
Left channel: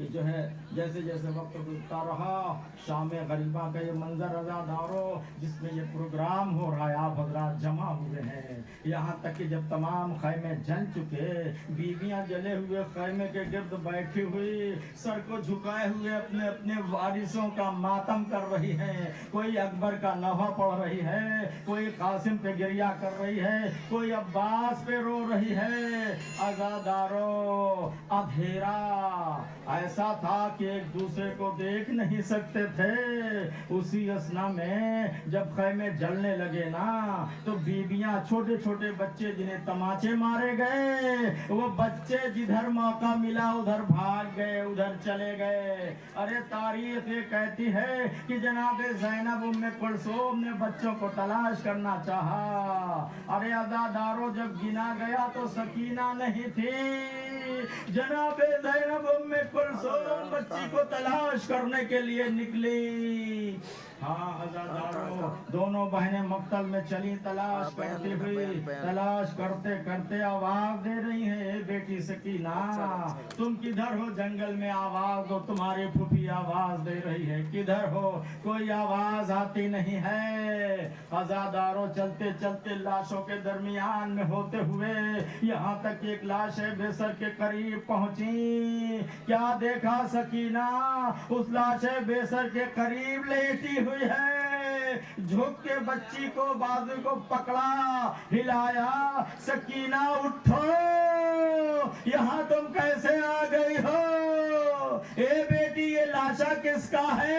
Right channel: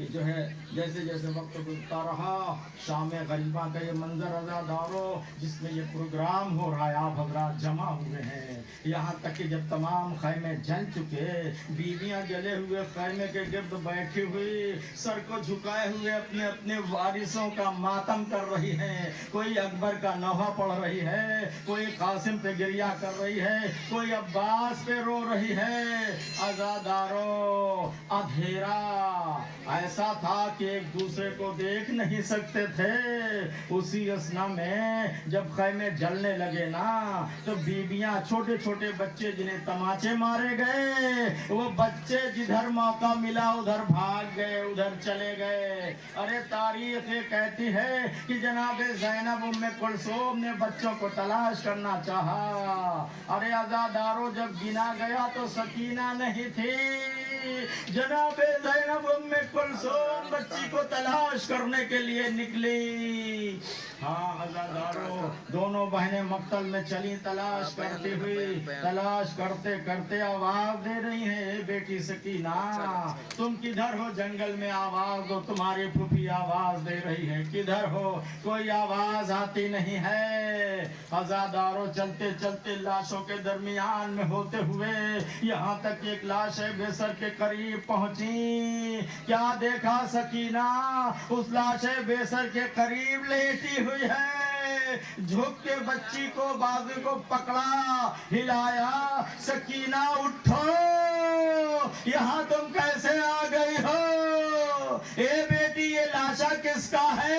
کہ جو ہے جیسے جیسے وقت گزرتا رہا شام غریبہ کا یہ منظر عزادارو جس میں یہ پروگرام ہو رہا ہے، آپ حضرات جمع ہوئے ہیں، یہاں تک کہ جب تمام خیمے جل چکے، بیویاں جلے ہوئے خیمے کے گرد بیٹھی ہوئی سر کو جھکائے ہوئے اپنے اپنے وارثوں کا ماتم کر رہی ہیں، کوئی اکبر کا نوحہ پڑھ رہی ہے، کوئی قاسم پہ گریہ کر رہی ہے، کوئی عباس پہ رو رہی ہے۔ عزادارو اندھیرا ایسا تھا کہ ایک دوسرے کو دیکھ نہیں سکتے تھے۔ اسی اسنا میں جب خیمے جلنے لگے نا تو بیویاں، چھوٹے چھوٹے بچے جنہیں تماچے مارے گئے، وہ بچے جدھر موقع ملا ادھر بھاگ گئے، ادھر چلے گئے۔ ارے تاریخ یہ کہتی ہے کہ جناب زینب ام کلثوم نے بچوں کو تلاش کرنا چاہا۔ ارے عزادارو جب گنا گیا تو سکینہ نہیں تھی، جناب زینب ام کلثوم بچی کو تلاش کرنے کے لیے نکلی۔ ہاں عزادارو دونوں بہنیں مقتل میں چلی تلاش کرتی ہوئی، تلاش کرتے کرتے آواز دے رہی ہیں، اے بیٹی سکینہ تم کدھر ہو؟ جنگل میں آواز دو، تمہاری پھوپھی آواز دے رہی ہے، کدھر ہو؟ کوئی آواز آتی نہیں ہے۔ عزادارو چلتے چلتے لاشوں کے درمیان میں ہوتے ہوئے یہاں تک ایک لاش بے سر کے قریب پہنچی۔ کیا دیکھا سکینہ؟ اس لاش بے سر کے قریب لیٹی ہوئی ہے، جھک کے بچی کو بازو کو پکڑا، ہلایا، سکینہ اٹھو، یہاں تم کیسے آ گئی ہو؟ اے بیٹی یہ لاشا کس کا ہے؟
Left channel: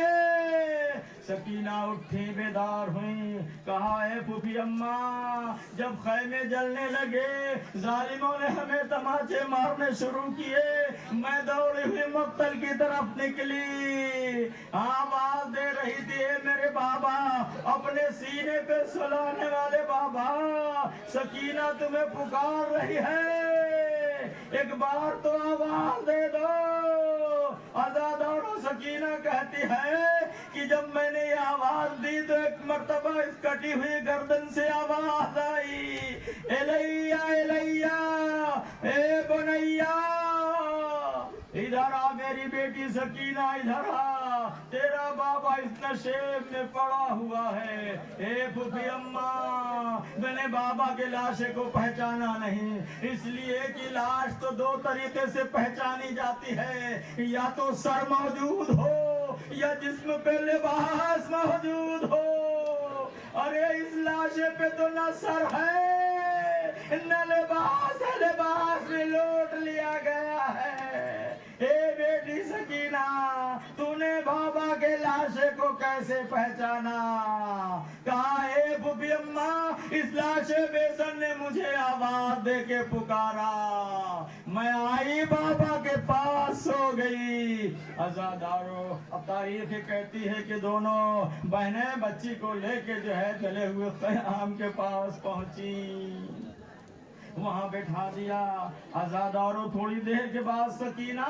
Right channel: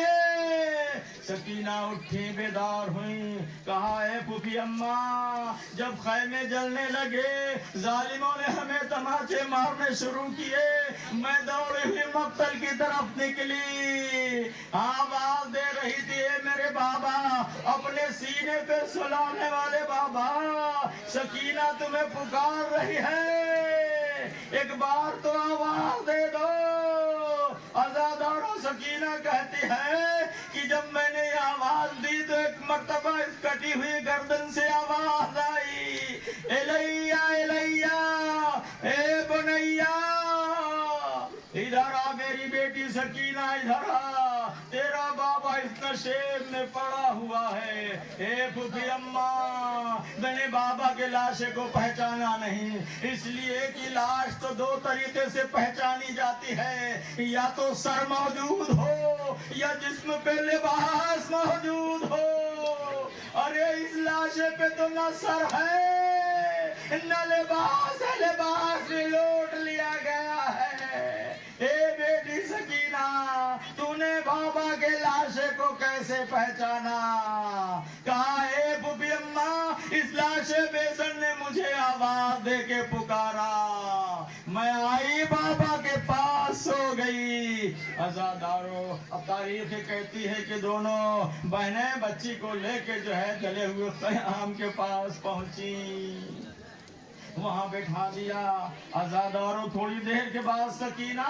سکینہ اٹھی، بیدار ہوئی، کہا اے پھوپھی اماں جب خیمے جلنے لگے ظالموں نے ہمیں تماچے مارنے شروع کیے، میں دوڑی ہوئی مقتل کی طرف نکلی، آواز دے رہی تھی اے میرے بابا، اپنے سینے پہ سلانے والے بابا، سکینہ تمہیں پکار رہی ہے، ایک بار تو آواز دے دو۔ عزادارو سکینہ کہتی ہے کہ جب میں نے یہ آواز دی تو ایک مرتبہ اس کٹی ہوئی گردن سے آواز آئی، الیہ الیہ اے بنیہ، ادھر آ میری بیٹی سکینہ، ادھر آ، تیرا بابا اس نشیب میں پڑا ہوا ہے۔ اے پھوپھی اماں میں نے بابا کے لاشے کو پہچانا نہیں، اس لیے کہ لاش تو دو طریقے سے پہچانی جاتی ہے، یا تو سر موجود ہو یا جسم پہ لباس موجود ہو۔ ارے اس لاشے پہ تو نہ سر ہے نہ لباس ہے، لباس بھی لوٹ لیا گیا ہے۔ اے بیٹی سکینہ تو نے بابا کے لاشے کو کیسے پہچانا؟ کہا اے پھوپھی اماں اس لاشے بے سر نے مجھے آواز دے کے پکارا، میں آئی بابا کے پاس سو گئی۔ عزادارو اب تاریخ کہتی ہے کہ دونوں بہنیں بچی کو لے کے جو ہے جلے ہوئے خیام کے پاس پہنچی، وہاں بٹھا دیا۔ عزادارو تھوڑی دیر کے بعد سکینہ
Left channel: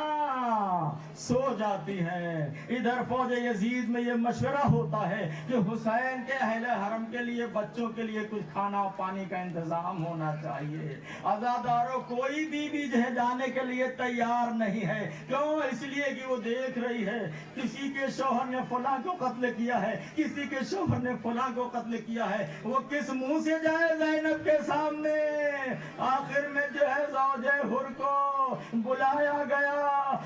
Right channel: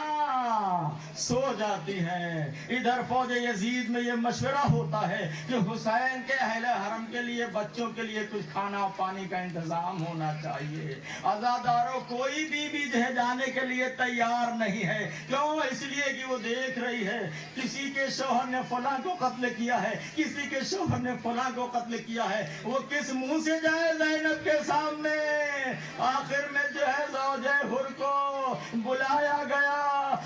سو جاتی ہے۔ ادھر فوج یزید میں یہ مشورہ ہوتا ہے کہ حسین کے اہل حرم کے لیے بچوں کے لیے کچھ کھانا پانی کا انتظام ہونا چاہیے۔ عزادارو کوئی بھی جانے کے لیے تیار نہیں ہے، کیوں؟ اس لیے کہ وہ دیکھ رہی ہے کسی کے شوہر نے فلاں کو قتل کیا ہے، کسی کے شوہر نے فلاں کو قتل کیا ہے، وہ کس منہ سے جائے زینب کے سامنے؟ آخر میں جو ہے زوجہ حر کو بلایا گیا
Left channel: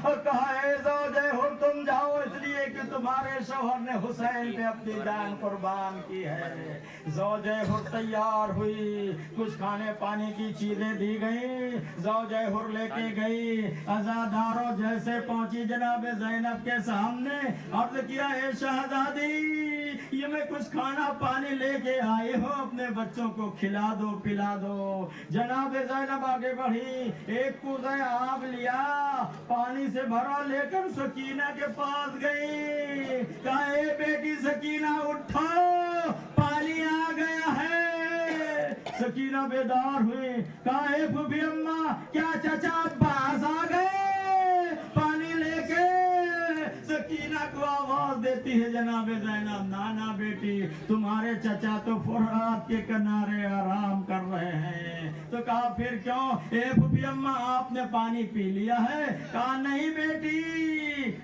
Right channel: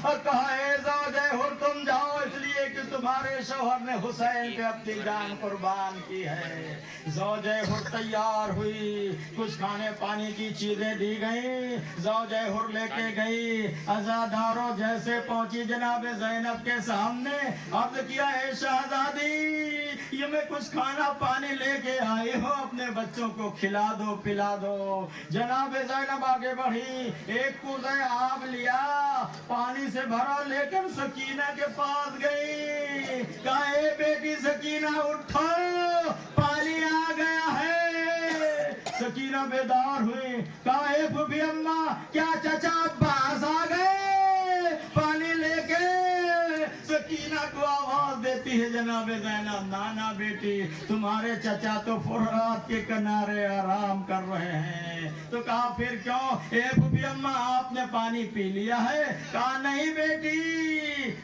اور کہا اے زوجہ حر تم جاؤ، اس لیے کہ تمہارے شوہر نے حسین پہ اپنی جان قربان کی ہے۔ زوجہ حر تیار ہوئی، کچھ کھانے پانی کی چیزیں دی گئیں، زوجہ حر لے کے گئی۔ عزادارو جیسے پہنچی جناب زینب کے سامنے عرض کیا اے شہزادی یہ میں کچھ کھانا پانی لے کے آئی ہوں، اپنے بچوں کو کھلا دو پلا دو۔ جناب زینب آگے بڑھی، ایک کوزہ آب لیا، پانی سے بھرا لے کر سکینہ کے پاس گئی، کہا اے بیٹی سکینہ اٹھو پانی آ گیا ہے۔ سکینہ بیدار ہوئی، کہا اے پھوپھی اماں کیا چچا عباس آ گئے پانی لے کے؟ سکینہ کو آواز دیتی ہے جناب زینب، نانا بیٹی تمہارے چچا تو فرات کے کنارے آرام کر رہے ہیں۔ تو کہا پھر کیوں؟ اے پھوپھی اماں آپ نے پانی پی لیا ہے؟ کہا نہیں بیٹی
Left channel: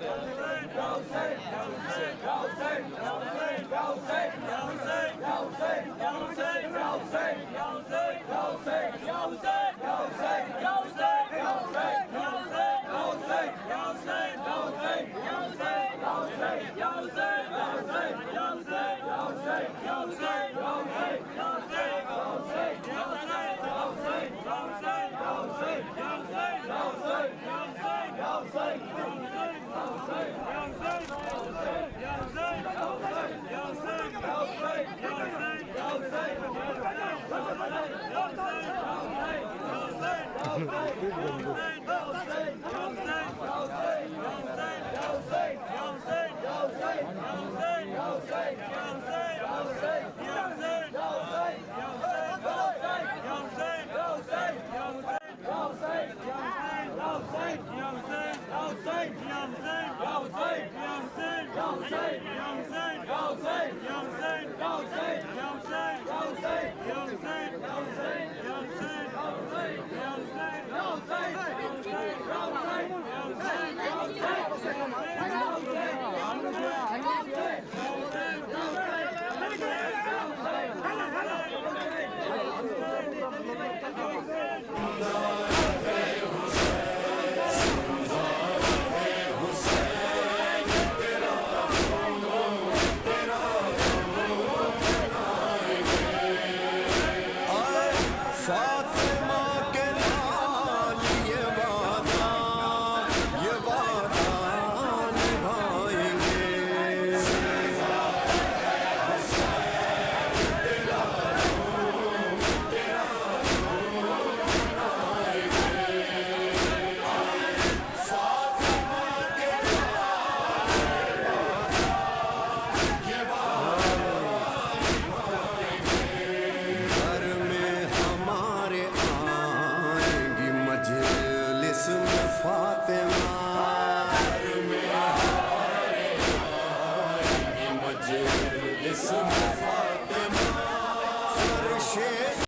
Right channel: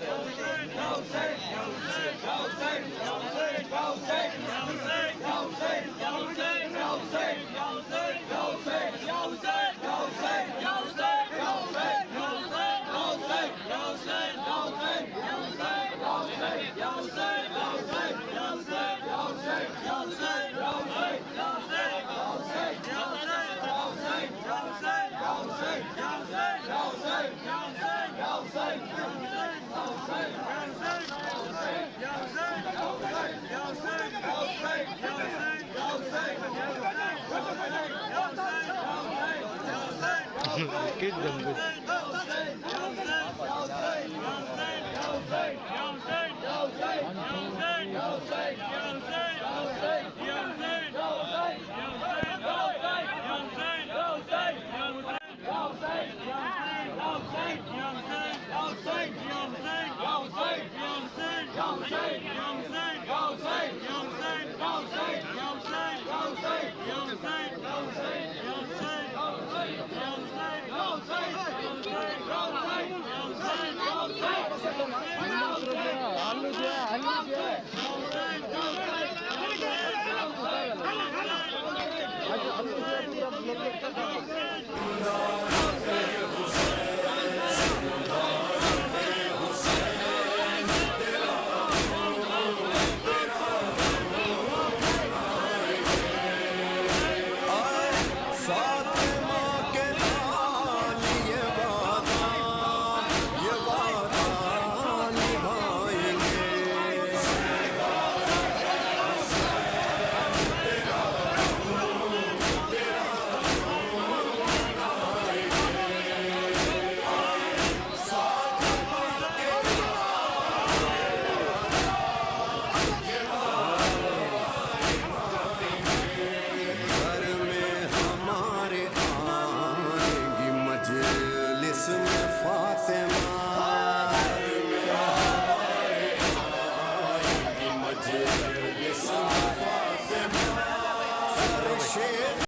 Yo, فاطمہ کے لال یہ وعدہ نبھائیں گے. گھر میں ہمارے آئیں گی مجلس میں فاطمہ